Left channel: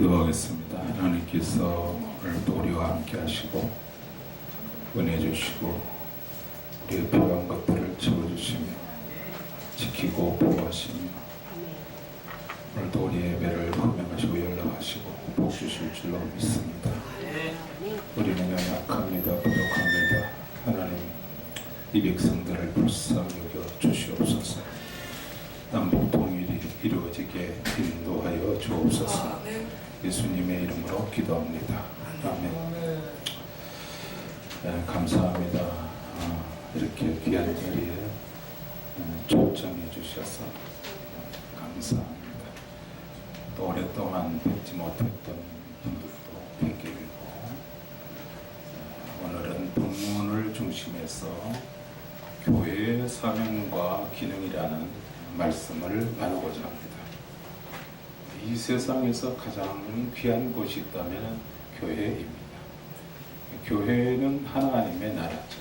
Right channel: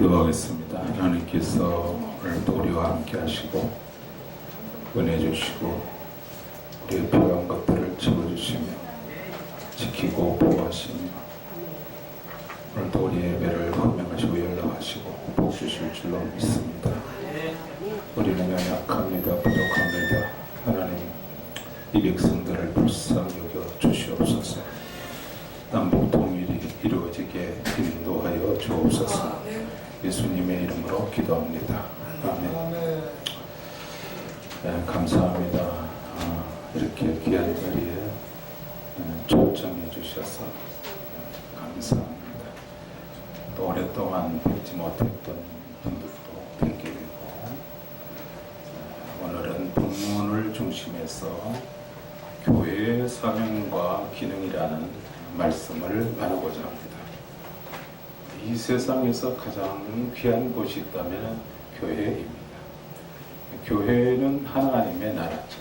기도하겠습니다. 하나님께서 오늘도 우리와 함께 하시고 은혜 주시고 우리의 필요한 것들을 채워주시며 지키고 보호하시며 오늘도 우리 예배를 헌명하시고 연락하시고 복 주실 줄로 믿습니다. 우리는 연약합니다. 부족합니다. 하나님 이 백성들을 불쌍히 여겨 주시옵소서. 남북 통일이 이루어지게 인도하여 주옵소서. 예수님의 이름으로 기도합니다. 아멘. 네, 감사합니다. 이렇게 귀한 자리에 초청해 주셔서 감사합니다. 또 오랫동안 뵙지 못했던 분들도 뵙게 되고 오늘은 본문을 중심해서 교회의 사명과 기능이라는 말씀을 나누고자 합니다. 이 세상에서 가장 귀한 곳이 있다면 교회입니다. 교회는 하나님의 나라죠.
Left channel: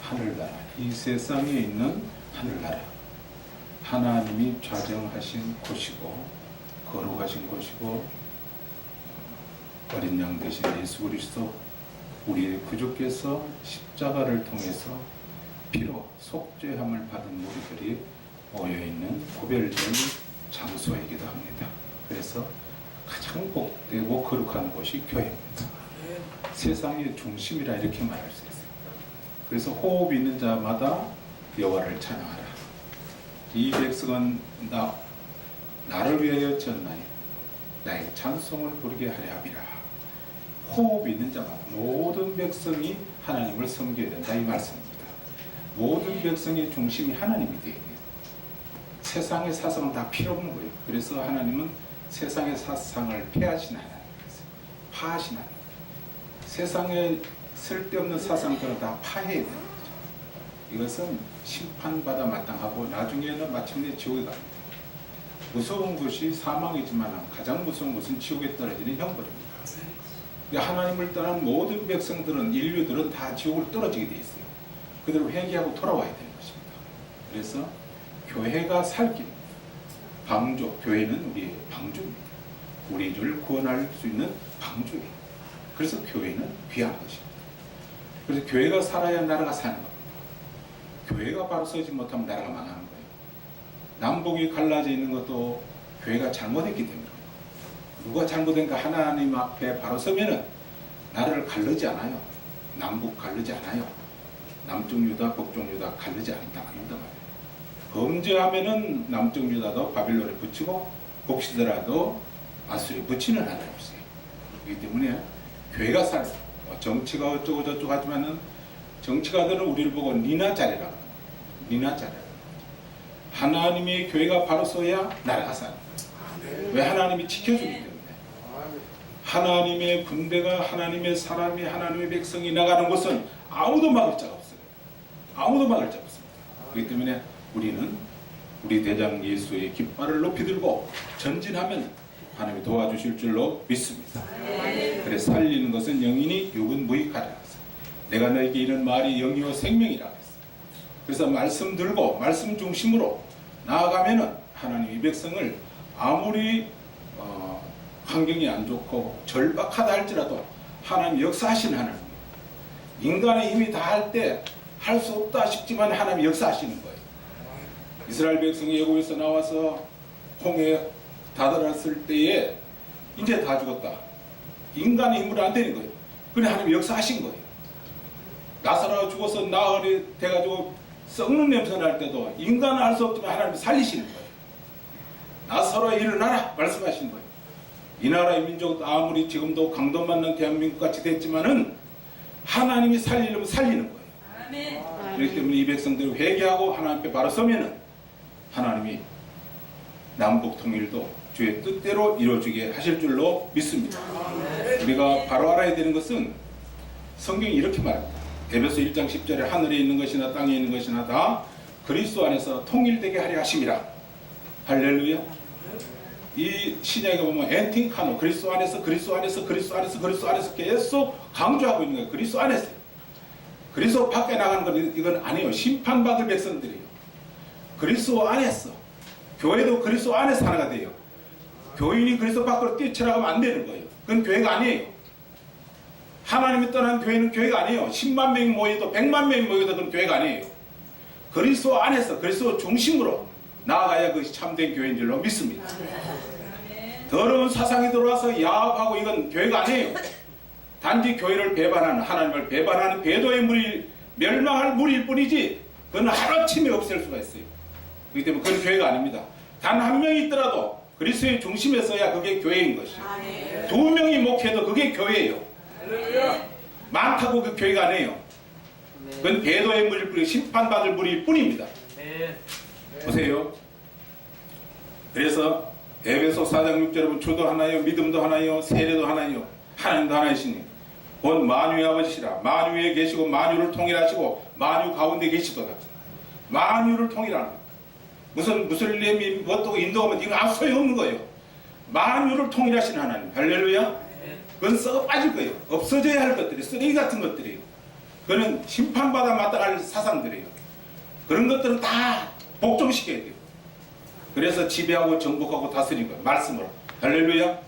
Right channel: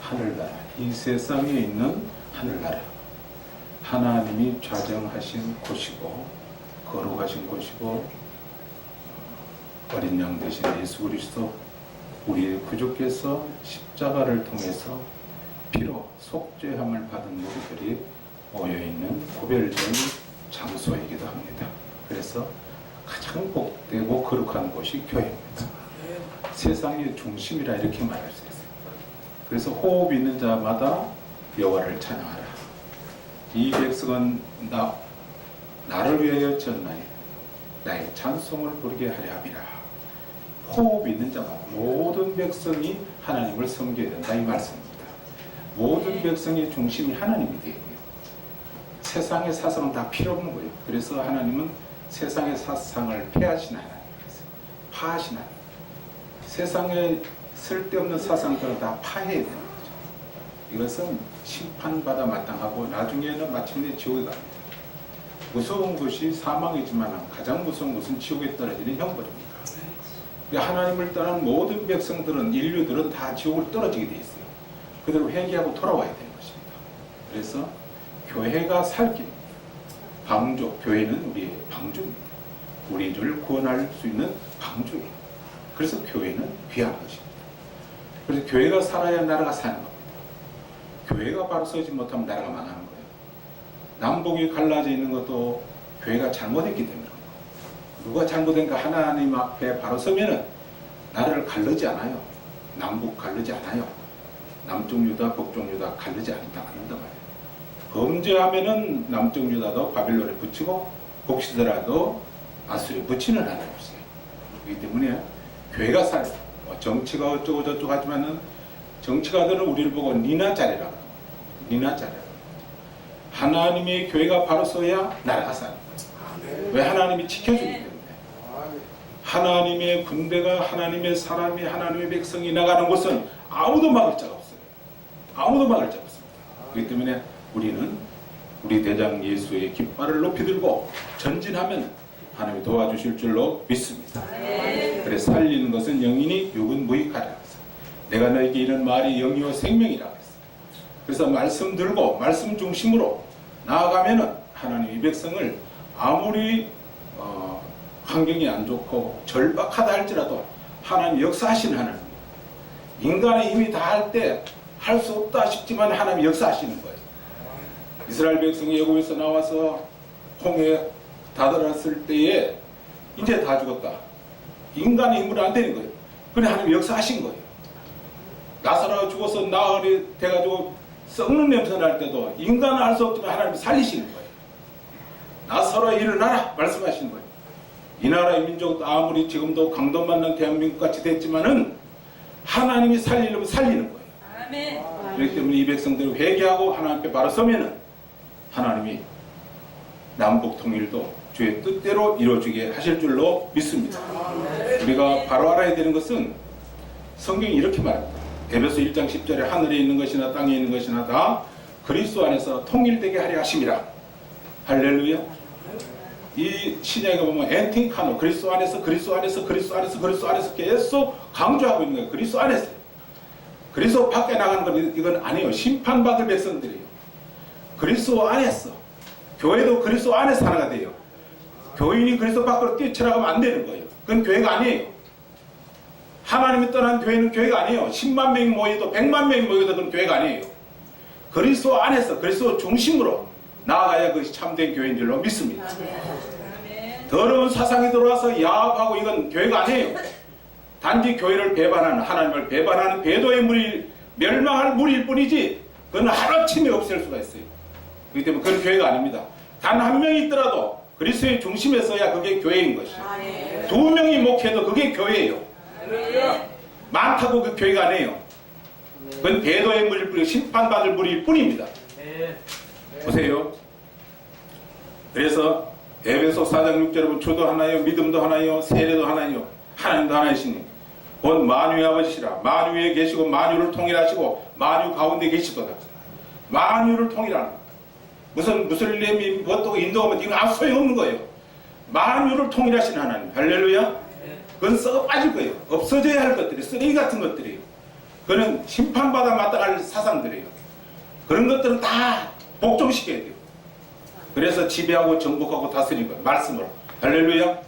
하늘나라. 이 세상에 있는 하늘나라. 하나님이 좌정하신 곳이고 거룩하신 곳이고 어린 양 되신 예수 그리스도 우리의 구주께서 십자가를 통해서 피로 속죄함을 받은 우리들이 모여있는 구별된 장소이기도 합니다. 그래서 가장 복되고 거룩한 곳이 교회입니다. 세상의 중심이라 이렇게 말할 수 있어요. 그래서 호흡 있는 자마다 여호와를 찬양하라. 이 백성은 나를 위하여 지었나니 나의 찬송을 부르게 하려 함이라. 호흡 있는 자마다 모든 백성이 하나님을 섬겨야 된다 이 말씀입니다. 모든 백성의 중심이 하나님이 되어야 돼요. 세상의 사상은 다 필요 없는 거예요. 그래서 하나님은 세상의 사상을 폐하신 하나님이세요. 파하신 하나님. 세상에 쓸데없는 사상들은 다 파해야 되는 거죠. 이것은 심판받아 마땅하고 나중에는 마침내 지옥에 갑니다. 무서운 것이 사망이지만 가장 무서운 것은 지옥에 떨어지는 형벌입니다. 하나님을 떠난 모든 백성들은 인류들은 다 지옥을 떨어지게 되어 있어요. 그대로 회개하고 돌아와야 되는 것입니다. 그래서 교회가 살 길입니다. 방주, 교회는 우리의 방주입니다. 우리를 구원할 수 있는 방주예요. 그래서 교회는 귀한 것입니다. 그래서 교회가 살아야 나라가 사는 겁니다. 교회가 바로 서지 못하면 나라가 망하는 거예요. 남북이 갈라져 있는 것도 교회가 잘못했기 때문에 누가 잘못된가 하나님 앞에 바로 서면은 나라를 가르지 않아요. 남북 가르지 않아요. 남쪽 유다, 북쪽 유다 가르지 않는다 말이에요. 범죄하면은 남쪽 유다도 바빌론에 붙이고 북시더라도 아수리에 붙이는 하나님이세요. 그렇기 때문에 교회가 살아요. 정치가 어쩌고 저쩌고 하지만은 정치가들은 우리를 보고 니나 잘해라. 니나 잘해라. 하나님의 교회가 바로 서야 나라가 사는 거예요. 왜? 하나님이 지켜주기 때문에. 하나님의 군대가 하나님의 사람이 하나님의 백성이 나가는 곳은 아무도 막을 자가 없어요. 아무도 막을 자가 없습니다. 그렇기 때문에 우리는 우리 대장 예수의 깃발을 높이 들고 전진하면 하나님이 도와주실 줄로 믿습니다. 그래서 살리는 것은 영이니 육은 무익하라. 내가 너에게 이런 말이 영이요 생명이라고 했어요. 그래서 말씀 들고 말씀 중심으로 나아가면은 하나님 이 백성을 아무리 환경이 안 좋고 절박하다 할지라도 하나님 역사하시는 하나님이에요. 인간의 힘이 다 할 때 할 수 없다 싶지만 하나님이 역사하시는 거예요. 이스라엘 백성이 애굽에서 나와서 홍해에 다다랐을 때에 이제 다 죽었다. 인간의 힘으로 안 되는 거예요. 그래 하나님이 역사하신 거예요. 나사로가 죽어서 나흘이 돼가지고 썩는 냄새 날 때도 인간은 알 수 없지만 하나님이 살리시는 거예요. 나사로야 일어나라 말씀하시는 거예요. 이 나라의 민족도 아무리 지금도 강도받는 대한민국 같이 됐지만은 하나님이 살리려면 살리는 거예요. 아멘. 그렇기 때문에 이 백성들이 회개하고 하나님 앞에 바로 서면은 하나님이 남북 통일도 주의 뜻대로 이루어지게 하실 줄로 믿습니다. 우리가 바로 알아야 되는 것은 성경이 이렇게 말합니다. 에베소 1장 10절에 하늘에 있는 것이나 땅에 있는 것이나 다 그리스도 안에서 통일되게 하려 하심이라. 할렐루야. 이 신약에 보면 엔팅카노 그리스도 안에서 그리스도 안에서 그리스도 안에서 그리스도 안에서 계속 강조하고 있는 거예요. 그리스도 안에서. 그리스도 밖에 나가는 건 이건 아니에요. 심판받을 백성들이에요. 그리스도 안에서. 교회도 그리스도 안에서 하나가 돼요. 교인이 그리스도 밖으로 뛰쳐나가면 안 되는 거예요. 그건 교회가 아니에요. 하나님이 떠난 교회는 교회가 아니에요. 10만 명이 모여도 100만 명이 모여도 그건 교회가 아니에요. 그리스도 안에서 그리스도 중심으로 나아가야 그것이 참된 교회인 줄로 믿습니다. 더러운 사상이 들어와서 야합하고 이건 교회가 아니에요. 단지 교회를 배반하는, 하나님을 배반하는 배도의 무리, 멸망할 무리일 뿐이지 그건 하루아침에 없앨 수가 있어요. 그렇기 때문에 그건 교회가 아닙니다. 단 한 명이 있더라도 그리스도의 중심에 서야 그게 교회인 것이에요. 두 명이 목회도 그게 교회예요. 많다고 그 교회가 아니에요. 그건 배도의 무리일 뿐이고 심판받을 무리일 뿐입니다. 보세요. 그래서 에베소 4장 6절 여러분, 주도 하나요, 믿음도 하나요, 세례도 하나요, 하나님도 하나이시니 곧 만유의 아버지시라. 만유에 계시고 만유를 통일하시고 만유 가운데 계시도다. 만유를 통일하는 것. 무슨 무슬림이 뭣도 인도하면 이건 아무 소용없는 거예요. 만유를 통일하시는 하나님. 할렐루야. 그건 썩어 빠질 거예요. 없어져야 할 것들이, 쓰레기 같은 것들이에요. 그거는 심판받아 마땅할 사상들이에요. 그런 것들은 다 복종시켜야 돼요. 그래서 지배하고 정복하고 다스리는 거예요. 말씀으로. 할렐루야.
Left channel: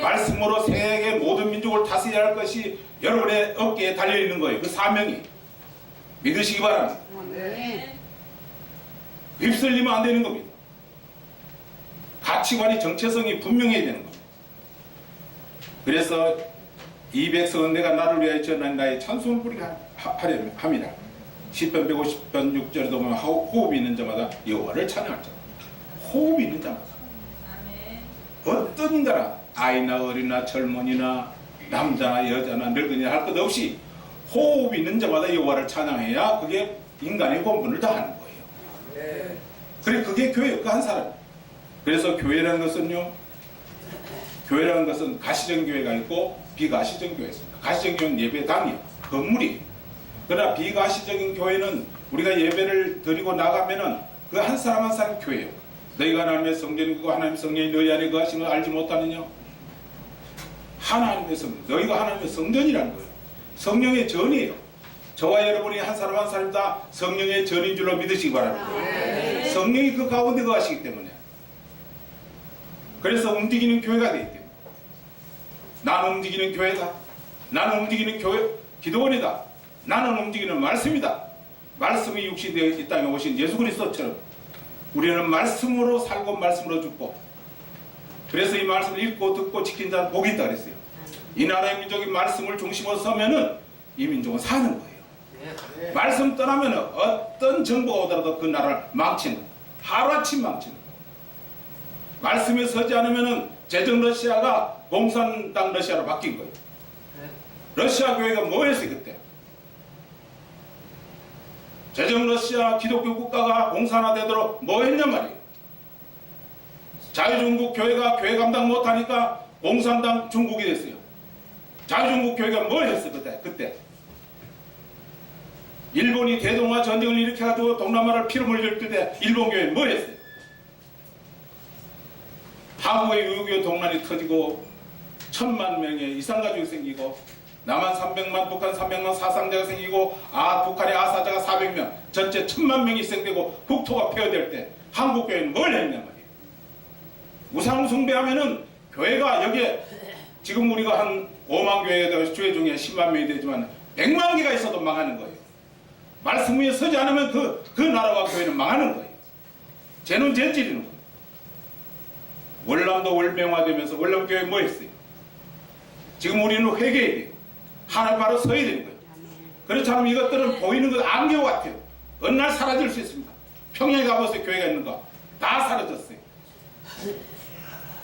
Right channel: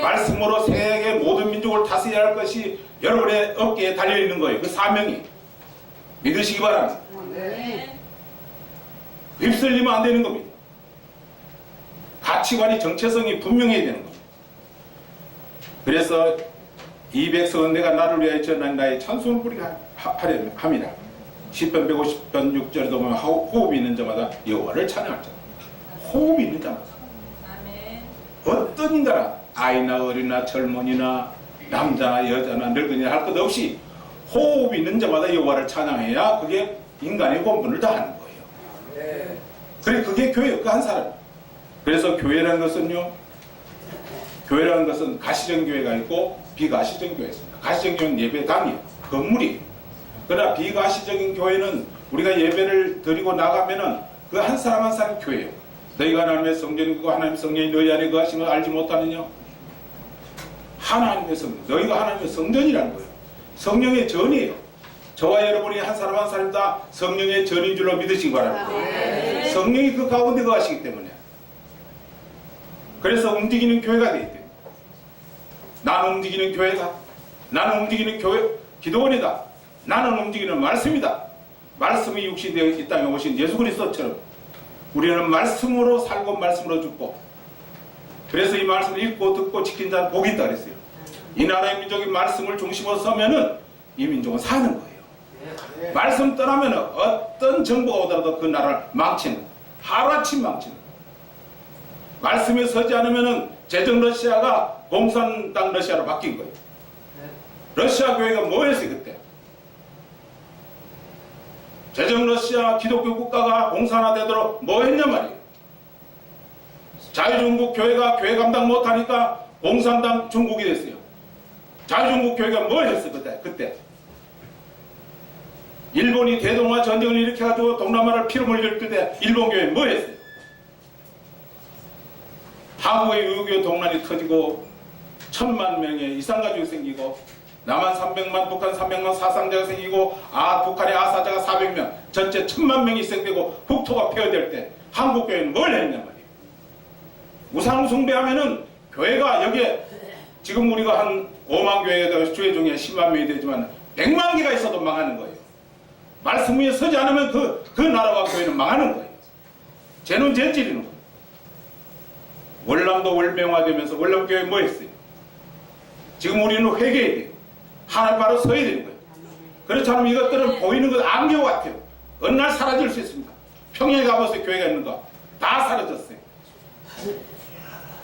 말씀으로 세계 모든 민족을 다스려야 할 것이 여러분의 어깨에 달려있는 거예요. 그 사명이. 믿으시기 바랍니다. 휩쓸리면 안 되는 겁니다. 가치관이 정체성이 분명해야 되는 겁니다. 그래서 이 백성은 내가 나를 위하여 전한 나의 찬송을 부리라 하려 함이라. 10편 150편 6절에도 보면 호흡이 있는 자마다 여호와를 찬양할 자. 호흡이 있는 자마다. 어떤 인가나 아이나 어린나 젊은이나 남자나 여자나 늙은이나 할 것 없이 호흡이 있는 자마다 여호와를 찬양해야 그게 인간의 본분을 다하는 거예요. 그래 그게 교회예요. 그 한 사람. 그래서 교회라는 것은요, 교회라는 것은 가시적 교회가 있고 비가시적 교회가 있습니다. 가시적 교회는 예배당이에요. 건물이에요. 그러나 비가시적인 교회는 우리가 예배를 드리고 나가면은 그 한 사람 한 사람 교회예요. 너희가 하나님의 성전이고 하나님의 성전이 너희 안에 거하심을 알지 못하느냐? 하나님의 성전, 너희가 하나님의 성전이라는 거예요. 성령의 전이에요. 저와 여러분이 한 사람 한 사람 다 성령의 전인 줄로 믿으시기 바랍니다. 성령이 그 가운데 거하시기 때문에. 그래서 움직이는 교회가 되기 때문에. 나는 움직이는 교회다. 나는 움직이는 교회, 기도원이다. 나는 움직이는 말씀이다. 말씀이 육신되어 이 땅에 오신 예수 그리스도처럼 우리는 말씀으로 살고 말씀으로 죽고, 그래서 이 말씀을 읽고 듣고 지킨 자는 복이 있다 그랬어요. 이 나라의 민족이 말씀을 중심으로 서면은 이 민족은 사는 거예요. 말씀 떠나면은 어떤 정부가 오더라도 그 나라를 망치는, 하루아침 망치는. 말씀에 서지 않으면은 제정 러시아가 공산당 러시아로 바뀐 거예요. 러시아 교회가 뭐 했어요 그때? 제정 러시아 기독교 국가가 공산화되도록 뭐 했냔 말이에요. 자유중국 교회가 교회 감당 못하니까 공산당 중국이 됐어요. 자유중국 교회가 뭘 했어 그때? 일본이 대동아 전쟁을 일으켜가지고 동남아를 피로 물릴 때 일본 교회는 뭐 했어요? 한국의 유교 동란이 터지고 1000만 명의 이산가족이 생기고 남한 300만, 북한 300만 사상자가 생기고 북한의 아사자가 400명, 전체 1000만 명이 희생되고 국토가 폐허될 때 한국교회는 뭘 했냔 말이에요. 우상 숭배하면은 교회가 여기에 지금 우리가 한 5만 교회가 주회 중에 10만 명이 되지만 100만 개가 있어도 망하는 거예요. 말씀 위에 서지 않으면 그 나라와 교회는 망하는 거예요. 죄는 죄 찌르는 거예요. 월남도 월명화되면서 월남교회 뭐 했어요? 지금 우리는 회개해야 돼요. 하나님 바로 서야 되는 거예요. 그렇지 않으면 이것들은 보이는 것 안개 같아요. 어느 날 사라질 수 있습니다. 평양에 가보세요. 교회가 있는가? 다 사라졌어요.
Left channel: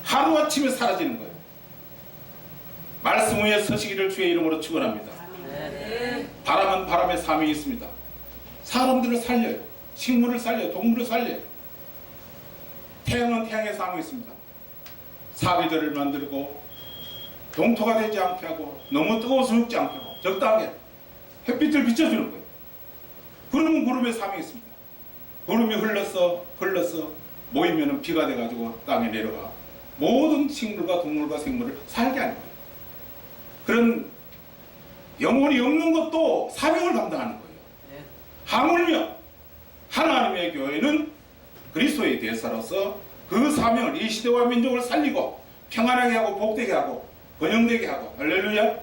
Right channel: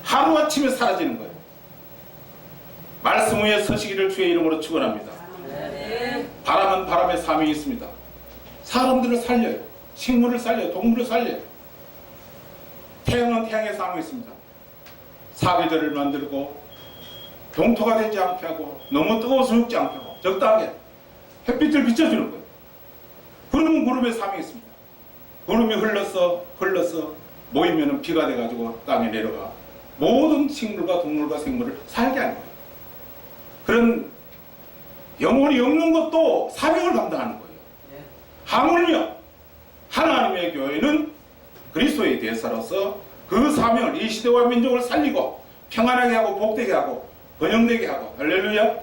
하루아침에 사라지는 거예요. 말씀 위에 서시기를 주의 이름으로 축원합니다. 바람은 바람의 사명이 있습니다. 사람들을 살려요. 식물을 살려요. 동물을 살려요. 태양은 태양의 사명이 있습니다. 사계절을 만들고 동토가 되지 않게 하고 너무 뜨거워서 죽지 않게 하고 적당하게 햇빛을 비춰주는 거예요. 구름은 구름의 사명이 있습니다. 구름이 흘러서 모이면 비가 돼가지고 땅에 내려가 모든 식물과 동물과 생물을 살게 하는 거예요. 그런 영혼이 없는 것도 사명을 감당하는 거예요. 하물며 하나님의 교회는 그리스도의 대사로서 그 사명을, 이 시대와 민족을 살리고 평안하게 하고 복되게 하고 번영되게 하고 할렐루야.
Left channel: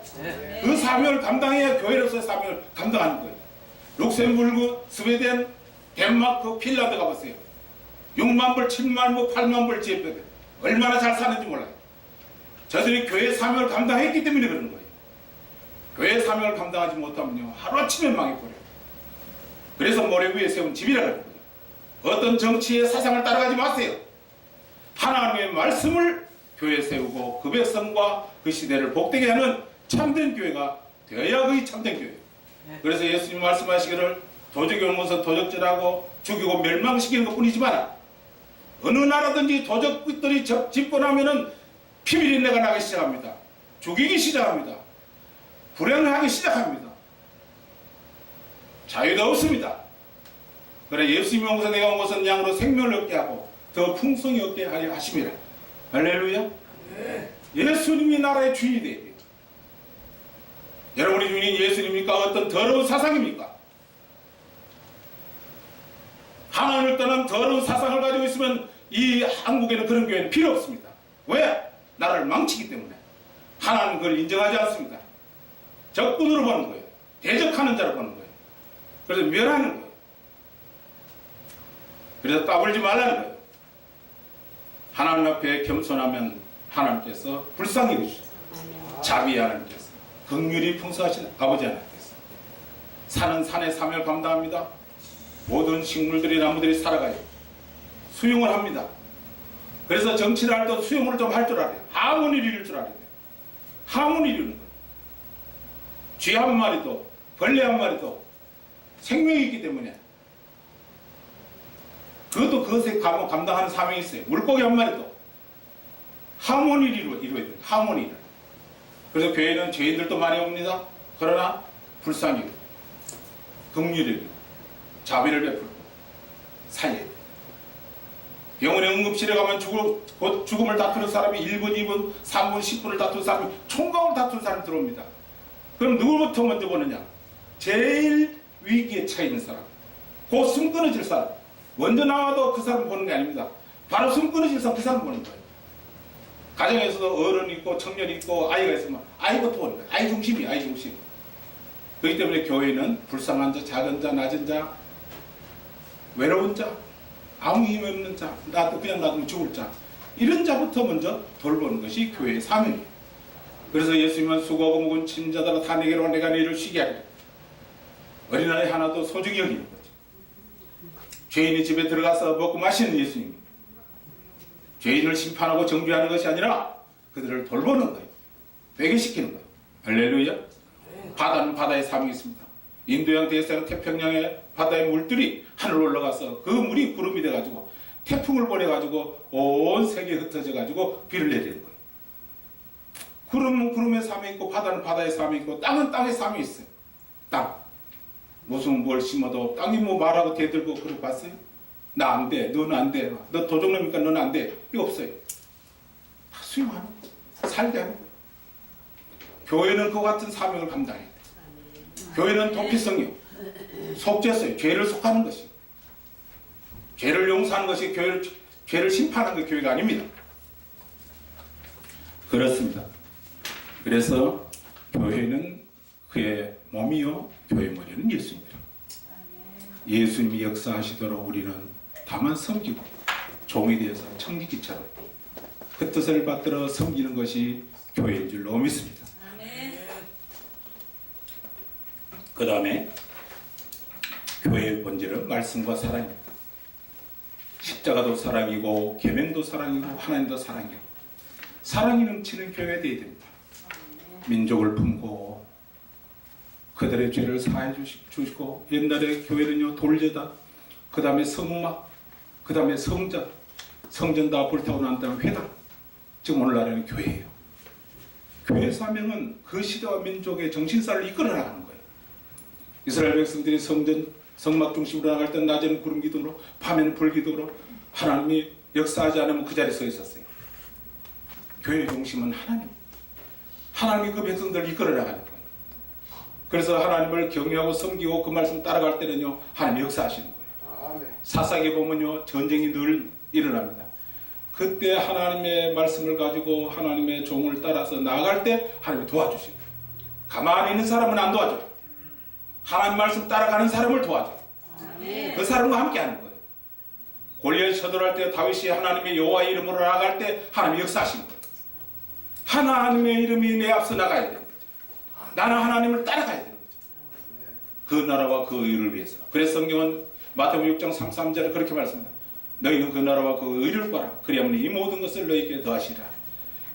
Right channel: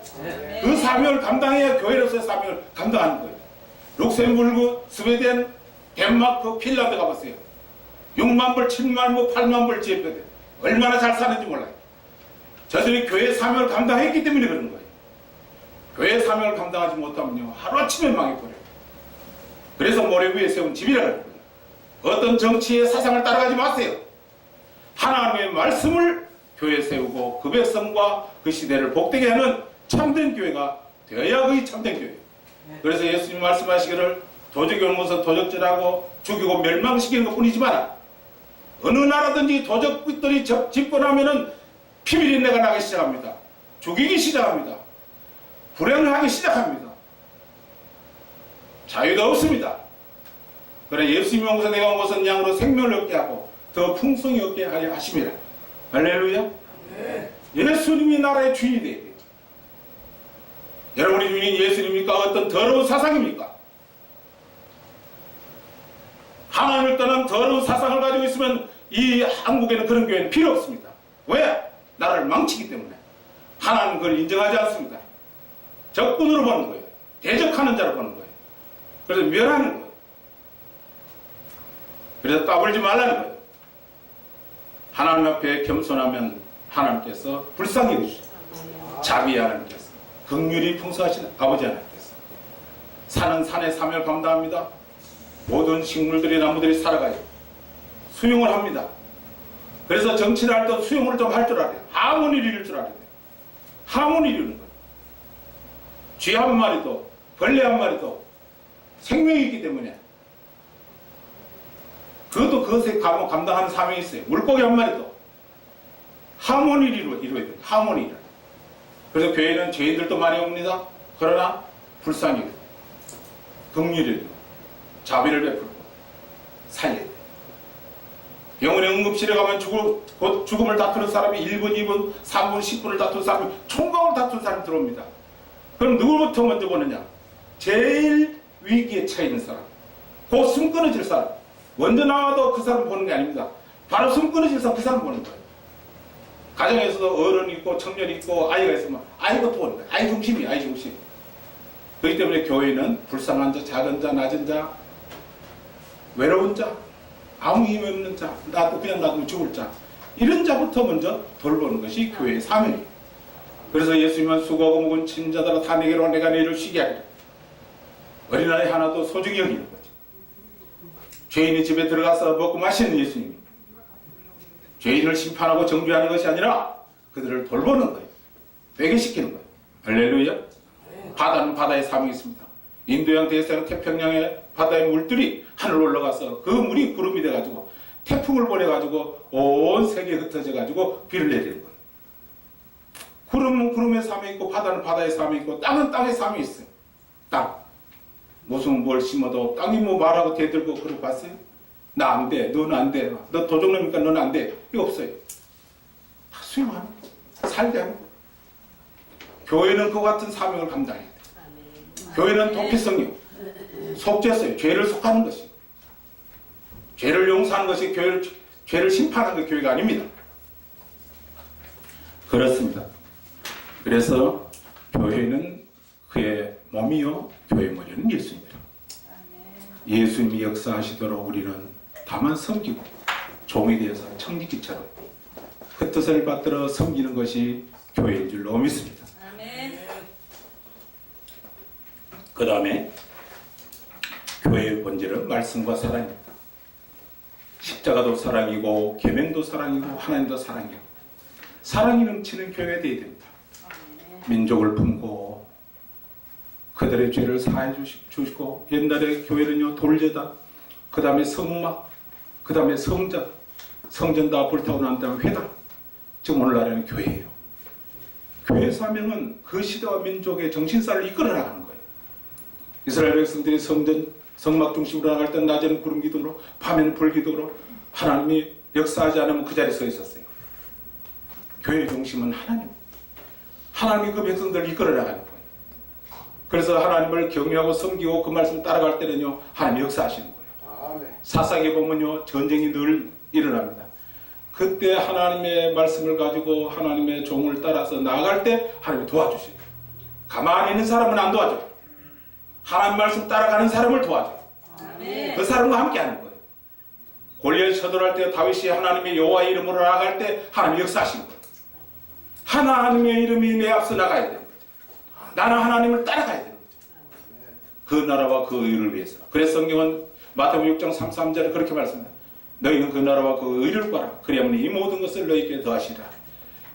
그 사명을 감당해야 교회로서의 사명을 감당하는 거예요. 룩셈부르크, 스웨덴, 덴마크, 핀란드 가보세요. 6만 불, 7만 불, 8만 불 지혜표들 얼마나 잘 사는지 몰라요. 저들이 교회 사명을 감당했기 때문에 그런 거예요. 교회 사명을 감당하지 못하면요 하루아침에 망해버려요. 그래서 모래 위에 세운 집이라는 거예요. 어떤 정치의 사상을 따라가지 마세요. 하나님의 말씀을 교회에 세우고 그 백성과 그 시대를 복되게 하는 참된 교회가 되어야 그게 참된 교회예요. 그래서 예수님 말씀하시기를 도적이 오는 것은 도적질하고 죽이고 멸망시키는 것뿐이지만 어느 나라든지 도적들이 집권하면은 피비린내가 나기 시작합니다. 죽이기 시작합니다. 불행하기 시작합니다. 자유가 없습니다. 그래 예수님이 온 것은 내가 온 것은 양으로 생명을 얻게 하고 더 풍성히 얻게 하려 하심이라. 할렐루야. 예수님이 나라의 주인이 되어야 돼요. 여러분의 주인이 예수님입니까? 어떤 더러운 사상입니까? 하나님을 떠난 더러운 사상을 가지고 있으면 이 한국에는 그런 교회는 필요 없습니다. 왜? 나라를 망치기 때문에. 하나님은 그걸 인정하지 않습니다. 적군으로 보는 거예요. 대적하는 자로 보는 거예요. 그래서 멸하는 거예요. 그래서 까불지 말라는 거예요. 하나님 앞에 겸손하면 하나님께서 불쌍히 여기시죠. 자비 하나님께서 긍휼이 풍성하신 아버지 하나님께서 산은 산의 사명을 감당합니다. 모든 식물들이 나무들이 살아가요. 수용을 합니다. 그래서 정치를 할 때 수용을 좀 할 줄 알아요. 하모니를 이룰 줄 알아요. 하모니를 이루는 거예요. 쥐 한 마리도 벌레 한 마리도 생명이 있기 때문에 그것도 그것에 감당하는 사명이 있어요. 물고기 한 마리도 하모니를 이루어야 돼요. 하모니를. 그래서 교회는 죄인들도 많이 옵니다. 그러나 불쌍히 긍휼히 자비를 베풀고 살려야 돼요. 병원에 응급실에 가면 곧 죽음을 다투는 사람이 1분, 2분, 3분, 10분을 다투는 사람이 총각을 다투는 사람이 들어옵니다. 그럼 누구부터 먼저 보느냐? 제일 위기에 처해 있는 사람, 곧 숨 끊어질 사람. 먼저 나와도 그 사람 보는 게 아닙니다. 바로 숨 끊어질 사람 그 사람 보는 거예요. 가정에서도 어른이 있고 청년이 있고 아이가 있으면 아이부터 보는 거예요. 아이 중심이에요. 아이 중심. 그렇기 때문에 교회는 불쌍한 자, 작은 자, 낮은 자, 외로운 자, 아무 힘 없는 자, 나도 그냥 놔두면 죽을 자, 이런 자부터 먼저 돌보는 것이 교회의 사명이에요. 그래서 예수님은 수고하고 묵은 친자들아 다 내게로 내가 너희를 쉬게 하리라. 어린아이 하나도 소중히 여기는 거죠. 죄인의 집에 들어가서 먹고 마시는 예수님이 죄인을 심판하고 정죄하는 것이 아니라 그들을 돌보는 거예요. 회개시키는 거예요. 할렐루야. 바다는 바다의 사명이 있습니다. 인도양, 대서양, 태평양의 바다의 물들이 하늘로 올라가서 그 물이 구름이 돼가지고 태풍을 보내가지고 온 세계에 흩어져가지고 비를 내리는 거예요. 구름은 구름의 사명이 있고 바다는 바다의 사명이 있고 땅은 땅의 사명이 있어요. 땅. 무슨 뭘 심어도 땅이 뭐 말하고 대들고 그러고 봤어요? 나 안 돼. 너는 안 돼. 너 도적놈이니까 너는 안 돼. 이거 없어요. 다 수용하는 거예요. 살게 하는 거예요. 교회는 그 같은 사명을 감당해야 돼요. 교회는 도피성이요. 속죄서요. 죄를 속하는 것이. 죄를 용서하는 것이 죄를 심판하는 게 교회가 아닙니다. 그렇습니다. 그래서 교회는 그의 몸이요 교회의 머리는 예수님이라. 예수님이 역사하시도록 우리는 다만 섬기고 종이 되어서 청지기처럼 그 뜻을 받들어 섬기는 것이 교회인 줄로 믿습니다. 그 다음에 교회의 본질은 말씀과 사랑입니다. 십자가도 사랑이고 계명도 사랑이고 하나님도 사랑이고 사랑이 넘치는 교회가 되어야 됩니다. 민족을 품고 그들의 죄를 사해 주시고 옛날에 교회는요 돌제다, 그 다음에 성막, 그 다음에 성전, 성전 다 불타고 난 다음에 회당. 지금 오늘날에는 교회예요. 교회 사명은 그 시대와 민족의 정신사를 이끌어 나가는 거예요. 이스라엘 백성들이 성막 중심으로 나갈 때 낮에는 구름 기둥으로 밤에는 불 기둥으로 하나님이 역사하지 않으면 그 자리에 서 있었어요. 교회의 중심은 하나님. 하나님이 그 백성들을 이끌어 나가는 거예요. 그래서 하나님을 경외하고 섬기고 그 말씀 따라갈 때는요 하나님이 역사하시는 거예요. 사상에 보면요 전쟁이 늘 일어납니다. 그때 하나님의 말씀을 가지고 하나님의 종을 따라서 나아갈 때 하나님이 도와주십니다. 가만히 있는 사람은 안 도와줘요. 하나님 말씀 따라가는 사람을 도와줘요. 그 사람과 함께 하는 거예요. 골리앗이 쳐들어갈 때 다윗이 하나님의 여호와의 이름으로 나아갈 때 하나님이 역사하신 거예요. 하나님의 이름이 내 앞서 나가야 되는 거죠. 나는 하나님을 따라가야 되는 거죠. 그 나라와 그 의를 위해서. 그래서 성경은 마태복음 6장 33절에 그렇게 말씀합니다. 너희는 그 나라와 그 의를 구하라. 그리하면 이 모든 것을 너희에게 더하시리라.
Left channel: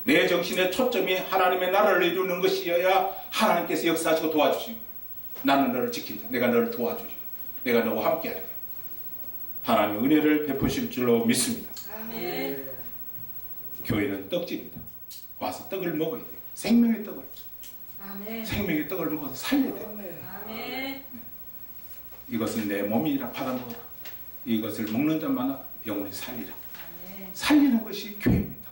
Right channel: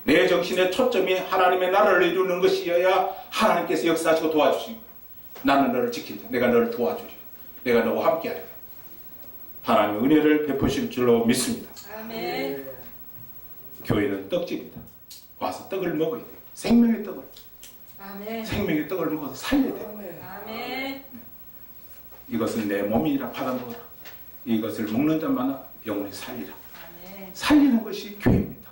내 정신의 초점이 하나님의 나라를 이루는 것이어야 하나님께서 역사하시고 도와주시고, 나는 너를 지킨다. 내가 너를 도와주리라. 내가 너와 함께하리라. 하나님의 은혜를 베푸실 줄로 믿습니다. 아멘. 교회는 떡집이다. 와서 떡을 먹어야 돼요. 생명의 떡을. 아멘. 생명의 떡을 먹어서 살려야 돼요. 아멘. 이것은 내 몸이라 받아 먹어라. 이것을 먹는 자마다 영혼이 살리라. 아멘. 살리는 것이 교회입니다.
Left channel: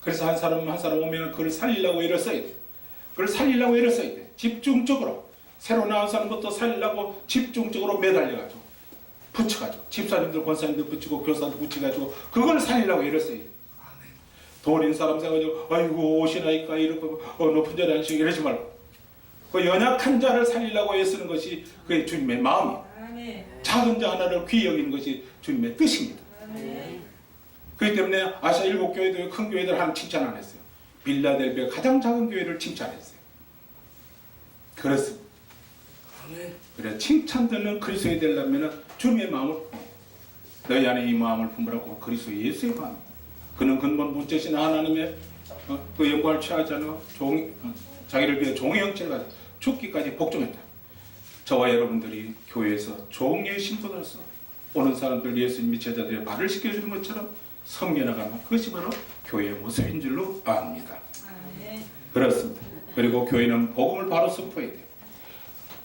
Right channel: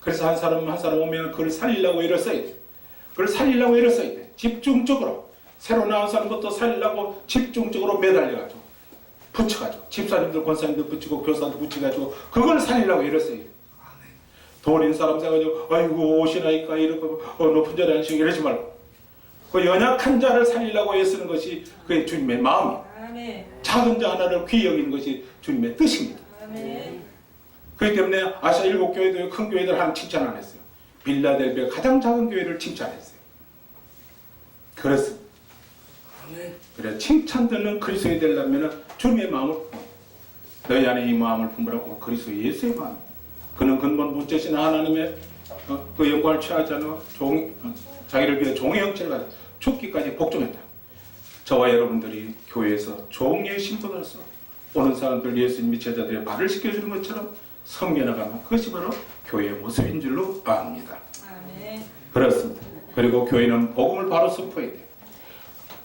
그래서 한 사람 오면 그걸 살리려고 애를 써야 돼. 그걸 살리려고 애를 써야 돼. 집중적으로. 새로 나온 사람부터 살리려고 집중적으로 매달려가지고 붙여가지고 집사님들 권사님들 붙이고 교사들 붙여가지고 그걸 살리려고 애를 써야 돼. 도린 사람 생각하고 아이고 오시나이까 이러고 높은 자리 앉으시고 이러지 말고 그 연약한 자를 살리려고 애쓰는 것이 그게 주님의 마음이에요. 아멘. 작은 자 하나를 귀히 여기는 것이 주님의 뜻입니다. 아멘. 그렇기 때문에 아시아 7교회도 큰 교회들 하나님 칭찬 안 했어요. 빌라델비아 가장 작은 교회를 칭찬했어요. 그렇습니다. 그래 칭찬 듣는 그리스도인이 되려면 주님의 마음을 너희 안에 이 마음을 품으라고. 그리스도 예수의 마음. 그는 근본 본체신 하나님의 그 영광을 취하지 않아 자기를 위해 종의 형체를 가지고 죽기까지 복종했다. 저와 여러분들이 교회에서 종의 신분으로서 오는 사람들 예수님 미쳐자들의 발을 씻겨주는 것처럼 섬겨나가는 그것이 바로 교회의 모습인 줄로 압니다. 아멘. 그렇습니다. 그리고 교회는 복음을 바로 선포해야 돼요.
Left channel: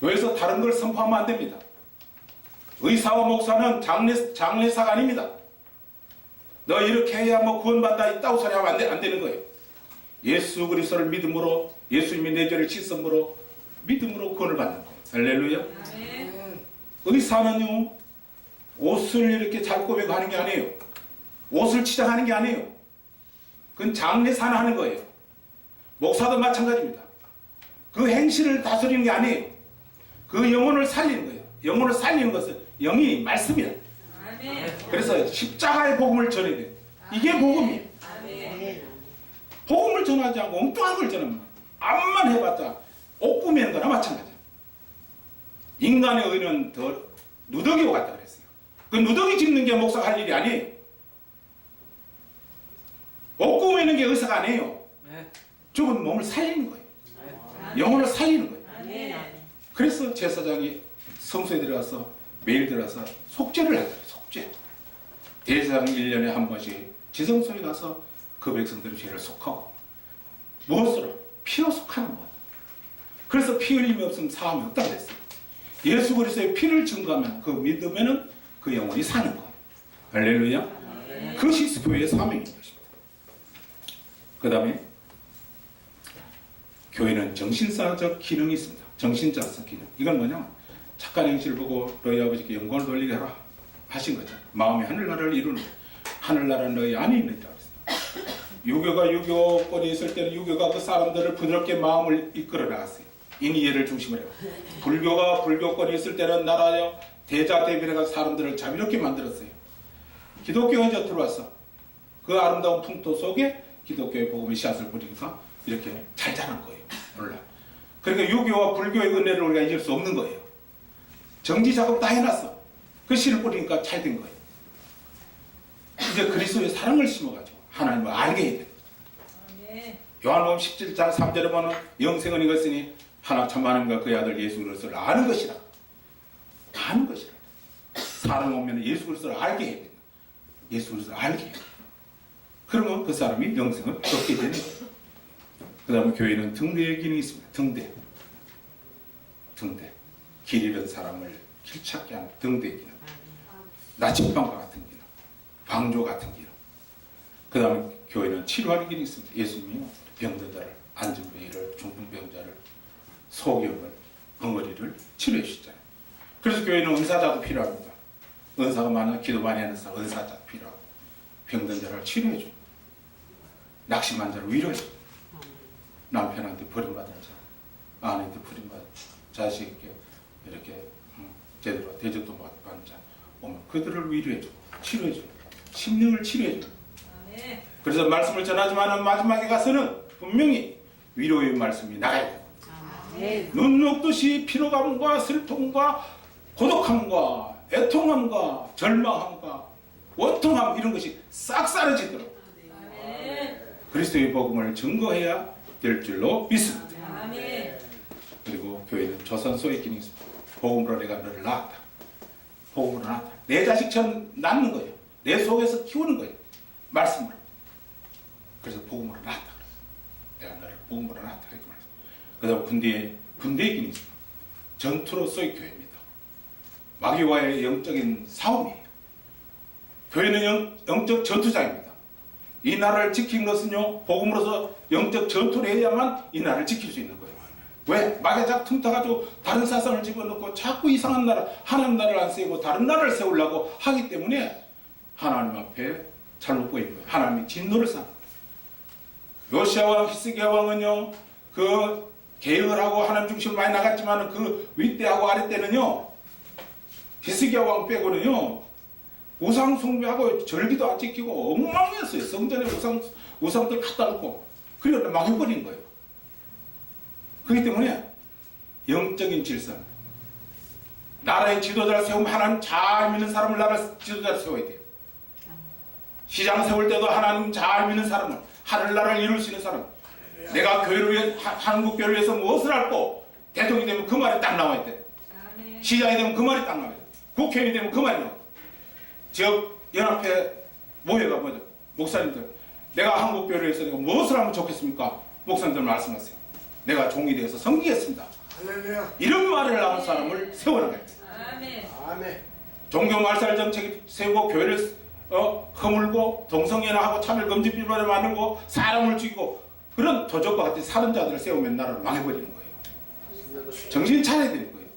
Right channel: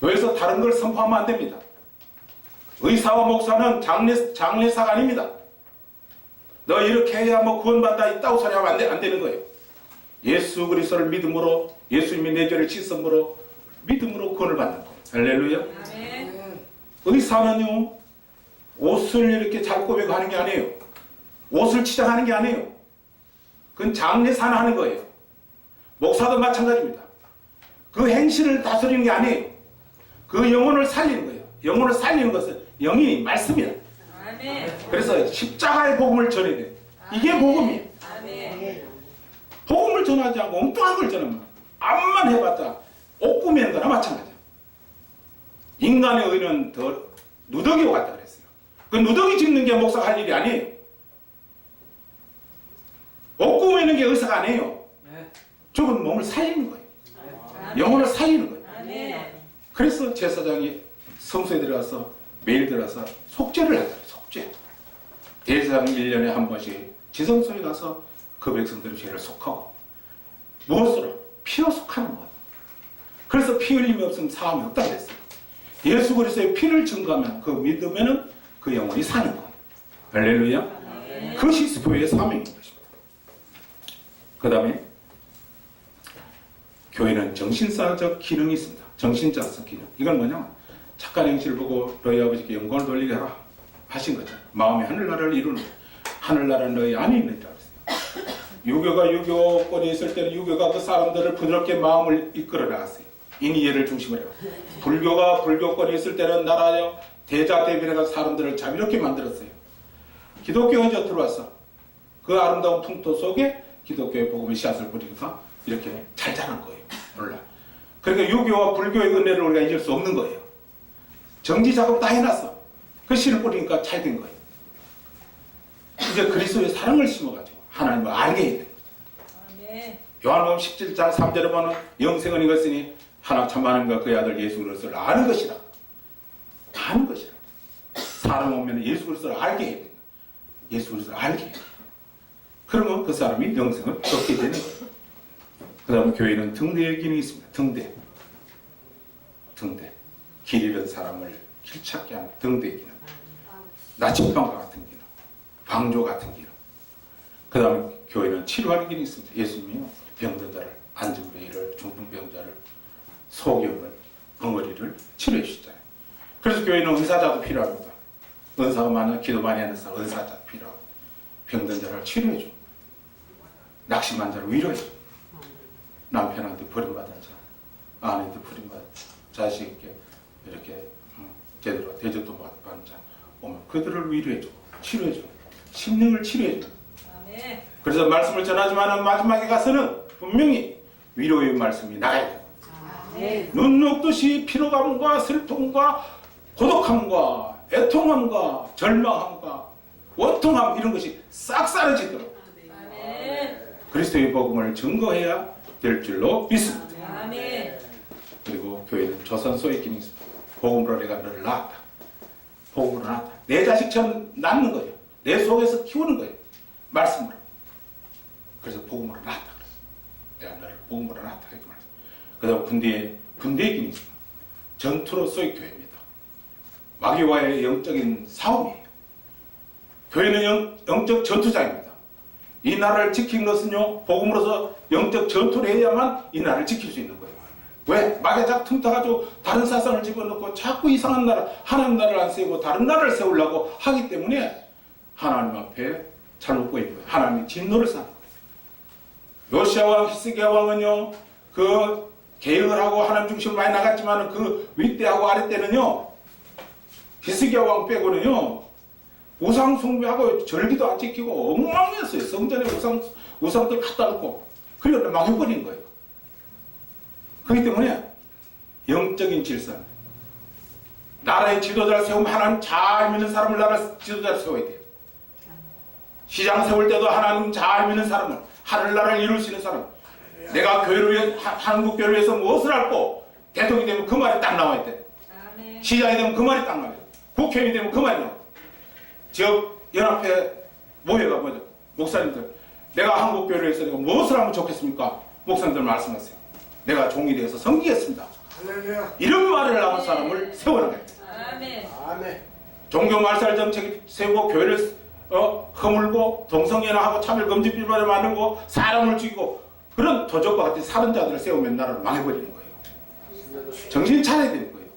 여기서 다른 걸 선포하면 안 됩니다. 의사와 목사는 장례사가 아닙니다. 너 이렇게 해야 뭐 구원받다 있다고 소리하면 안 되는 거예요. 예수 그리스도를 믿음으로, 예수님이 내 죄를 씻음으로 믿음으로 구원을 받는 거예요. 할렐루야. 아멘. 의사는요 옷을 이렇게 잘 꼬매고 하는 게 아니에요. 옷을 치장하는 게 아니에요. 그건 장례사나 하는 거예요. 목사도 마찬가지입니다. 그 행실을 다스리는 게 아니에요. 그 영혼을 살리는 거예요. 영혼을 살리는 것은 영이 말씀이야. 아멘. 그래서 십자가의 복음을 전해야 돼요. 이게 복음이에요. 아멘. 복음을 전하지 않고 엉뚱한 걸 전하면 암만 해봤자 옷 꾸미는 거나 마찬가지야. 인간의 의는 더 누더기와 같다 그랬어요. 그 누더기 짚는 게 목사가 할 일이 아니에요. 옷 꾸미는 게 의사가 아니에요. 죽은 몸을 살리는 거예요. 영혼을 살리는 거예요. 아멘. 그래서 제사장이 성소에 들어가서 매일 들어가서 속죄를 하더래요. 속죄. 대제사장 1년에 한 번씩 지성소에 가서 그 백성들의 죄를 속하고 무엇으로? 피로 속하는 거예요. 그래서 피 흘림이 없으면 사함이 없다고 했어요. 예수 그리스도의 피를 증거하면 그 믿으면은 그 영혼이 사는 거예요. 할렐루야. 그것이 교회의 사명인 것입니다. 그 다음에 교회는 정신사적 기능이 있습니다. 정신자적 기능. 이건 뭐냐? 착한 행실을 보고 너희 아버지께 영광을 돌리게 하라 하신 거죠. 마음이 하늘나라를 이루는 거예요. 하늘나라는 너희 안에 있는 줄 알았어요. 유교가 유교권이 있을 때는 유교가 그 사람들을 부드럽게 마음을 이끌어 나갔어요. 인의예를 중심으로 해요. 불교가 불교권이 있을 때는 나라여 대자대비해가 사람들을 자비롭게 만들었어요. 기독교가 이제 들어왔어. 그 아름다운 풍토 속에 기독교의 복음의 씨앗을 뿌리니까 이렇게 잘 자란 거예요. 몰라. 그러니까 유교와 불교의 은혜를 우리가 잊을 수 없는 거예요. 정지 작업 다 해놨어. 그 씨를 뿌리니까 잘 된 거예요. 이제 그리스도의 사랑을 심어가지고 하나님을 알게 해야 돼요. 아멘. 요한복음 17장 3절에 보면 영생은 이것이니 하나님 참 하나님과 그의 아들 예수 그리스도를 아는 것이라. 아는 것이라. 사람 오면 예수 그리스도를 알게 해야 돼요. 예수 그리스도를 알게 해요. 그러면 그 사람이 영생을 얻게 되는 거예요. 그 다음에 교회는 등대의 기능이 있습니다. 등대. 길 잃은 사람을 길 찾게 하는 등대의 기능. 나침반과 같은 기능. 방조 같은 기능. 그 다음에 교회는 치료하는 기능이 있습니다. 예수님이 병든 자를, 안진뱅이를, 중풍병자를, 소경을, 벙어리를 치료해 주시잖아요. 그래서 교회는 은사자도 필요합니다. 은사가 많아 기도 많이 하는 사람 은사자 필요하고 병든 자를 치료해주고 낙심한 자를 위로해주고 남편한테 버림받은 자, 아내한테 버림받은 자, 자식에게 이렇게 제대로 대접도 받은 자 오면 그들을 위로해주고 치료해주고 심령을 치료해주고 아멘. 그래서 말씀을 전하지만 마지막에 가서는 분명히 위로의 말씀이 나가야 돼요. 아멘. 눈 녹듯이 피로감과 슬픔과 고독함과 애통함과 절망함과 원통함 이런 것이 싹 사라지도록 아멘. 그리스도의 복음을 증거해야 될 줄로 믿습니다. 아멘. 그리고 교회는 조선소의 기능이 있습니다. 복음으로 내가 너를 낳았다. 복음으로 낳았다. 내 자식처럼 낳는 거예요. 내 속에서 키우는 거예요. 말씀으로. 그래서 복음으로 낳았다. 내가 너를 복음으로 낳았다. 이렇게 말했어요. 그 다음 군대의 기능이 있습니다. 전투로서의 교회입니다. 마귀와의 영적인 싸움이에요. 교회는 영적 전투장입니다. 이 나라를 지키는 것은요, 복음으로서 영적 전투를 해야만 이 나라를 지킬 수 있는 거예요. 왜? 마귀가 자꾸 틈타가지고 다른 사상을 집어넣고 자꾸 이상한 나라, 하나님 나라를 안 세우고 다른 나라를 세우려고 하기 때문에 하나님 앞에 잘못 보이는 거예요. 하나님이 진노를 쌓는 거예요. 요시아 왕, 히스기야 왕은요, 그 개혁을 하고 하나님 중심으로 많이 나갔지만 그 윗대하고 아랫대는요, 히스기야 왕 빼고는요, 우상 숭배하고 절기도 안 지키고 엉망이었어요. 성전에 우상들 갖다 놓고 그리고 망해버린 거예요. 그렇기 때문에 영적인 질서, 나라의 지도자를 세우면 하나님 잘 믿는 사람을 나라 지도자를 세워야 돼요. 시장 세울 때도 하나님 잘 믿는 사람을, 하늘나라를 이룰 수 있는 사람, 내가 교회를 위해, 한국 교회를 위해서 무엇을 할고 대통령이 되면 그 말이 딱 나와야 돼. 아멘. 시장이 되면 그 말이 딱 나와야 돼. 국회의원이 되면 그 말이 나와야 돼. 지역 연합회 모여가 뭐죠? 목사님들, 내가 한국 교회를 위해서 내가 무엇을 하면 좋겠습니까? 목사님들 말씀하세요. 내가 종이 되어서 섬기겠습니다. 할렐루야. 이런 말을 나온 사람을 세워나가야 돼. 아멘. 아멘. 종교 말살 정책 세우고 교회를 허물고 동성연합하고 차별금지 비판을 만들고 사람을 죽이고 그런 도적과 같은 살은 자들을 세우면 나라를 망해버리는 거예요. 정신 차려야 되는 거예요.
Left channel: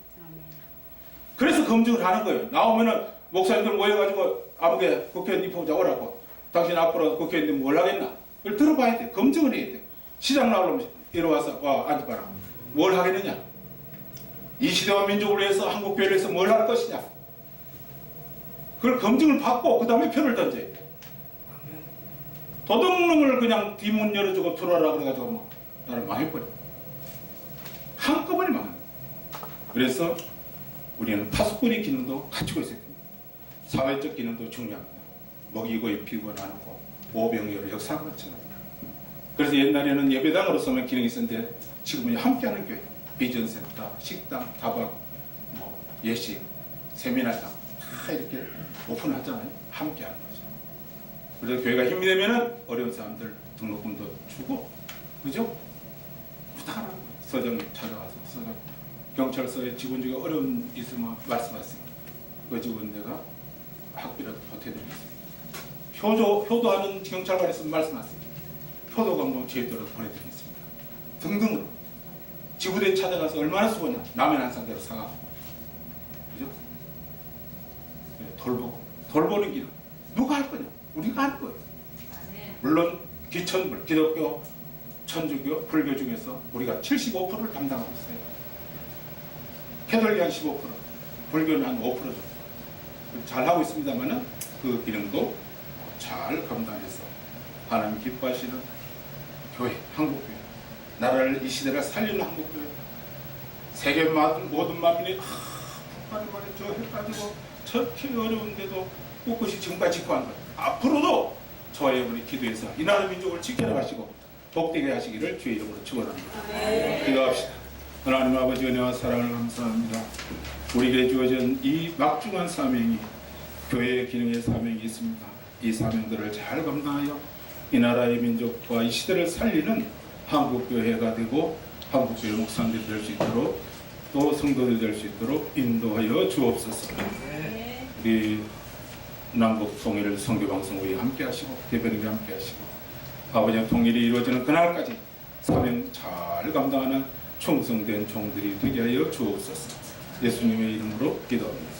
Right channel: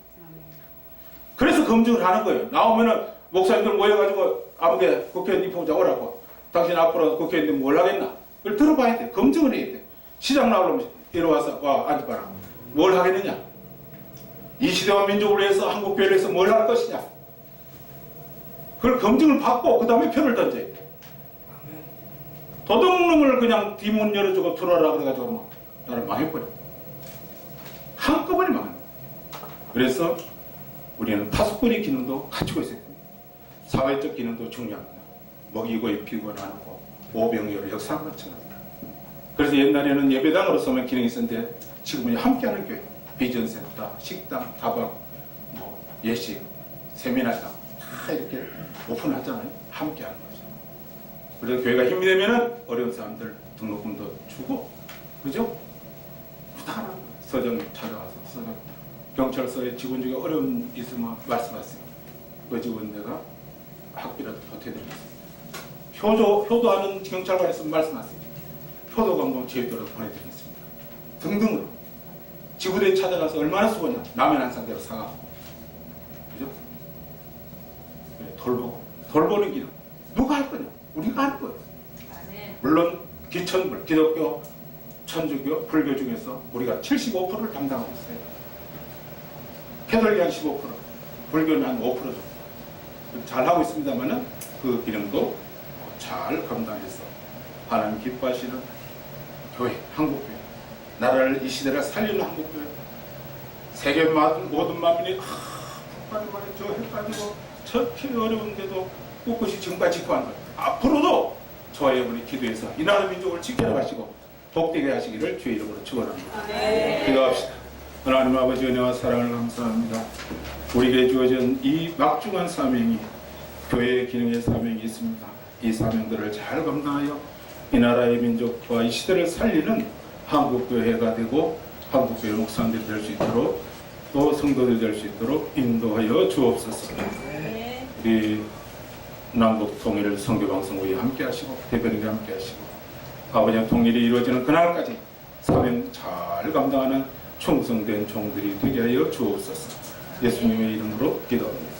그래서 검증을 하는 거예요. 나오면은 목사님들 모여가지고 아무개 국회의원 입후보자 오라고, 당신 앞으로 국회의원들 뭘 하겠나? 그걸 들어봐야 돼. 검증을 해야 돼. 시장 나오려면 이리 와서 와 앉아봐라. 뭘 하겠느냐? 이 시대와 민족을 위해서 한국교회를 위해서 뭘 할 것이냐? 그걸 검증을 받고 그 다음에 표를 던져야 돼. 도둑놈을 그냥 뒷문 열어주고 들어와라 그래가지고 뭐 나를 망해버려. 한꺼번에 망합니다. 그래서 우리는 파수꾼의 기능도 갖추고 있어야 됩니다. 사회적 기능도 중요합니다. 먹이고 입히고 나누고 오병이어로 역사한 것처럼. 그래서 옛날에는 예배당으로서만 기능이 있었는데 지금은 함께하는 교회, 비전센터, 식당, 다방, 뭐 예식, 세미나장 다 이렇게 오픈하잖아요. 함께하는 거죠. 그래서 교회가 힘이 되면은 어려운 사람들 등록금도 주고, 그죠? 부탁하라는 거예요. 서장님 찾아와서 서장 경찰서에 직원 중에 어려운 있으면 말씀하세요. 그 직원 내가 학비라도 보태드리겠습니다. 효도하는 경찰관 있으면 말씀하세요. 효도관광 제도로 보내드리겠습니다. 등등으로 지구대에 찾아가서 얼마나 수고냐. 라면 한 상대로 사가고, 그죠? 돌보는 기능 누가 할 거냐? 우리가 하는 거예요. 아멘. 물론 기천불, 기독교, 천주교, 불교 중에서 우리가 75%를 담당하고 있어요. 캐톨릭 한 15%, 불교는 한 5% 정도 잘하고 있습니다만은 그 기능도 잘 감당해서 하나님 기뻐하시는 교회, 한국교회, 나라를 이 시대를 살리는 한국교회, 세계 모든 만민이 북한을 말해 저 해가지고 저렇게 어려운데도 꿋꿋이 지금까지 지켜온 거예요. 앞으로도 저와 여러분이 기도해서 이 나라 민족을 지켜나가시고 복되게 하시기를 주의 이름으로 축원합니다. 기도합시다. 하나님 아버지 은혜와 사랑을 감사합니다. 우리에게 주어진 이 막중한 사명이 교회의 기능의 사명이 있습니다. 이 사명들을 잘 감당하여 이 나라의 민족과 이 시대를 살리는 한국교회가 되고 한국교회 목사님들이 될 수 있도록 또 성도들이 될 수 있도록 인도하여 주옵소서. 우리 남북 통일을 선교방송국이 함께 하시고 대변인과 함께 하시고 아버지의 통일이 이루어지는 그날까지 사명 잘 감당하는 충성된 종들이 되게 하여 주옵소서. 예수님의 이름으로 기도합니다.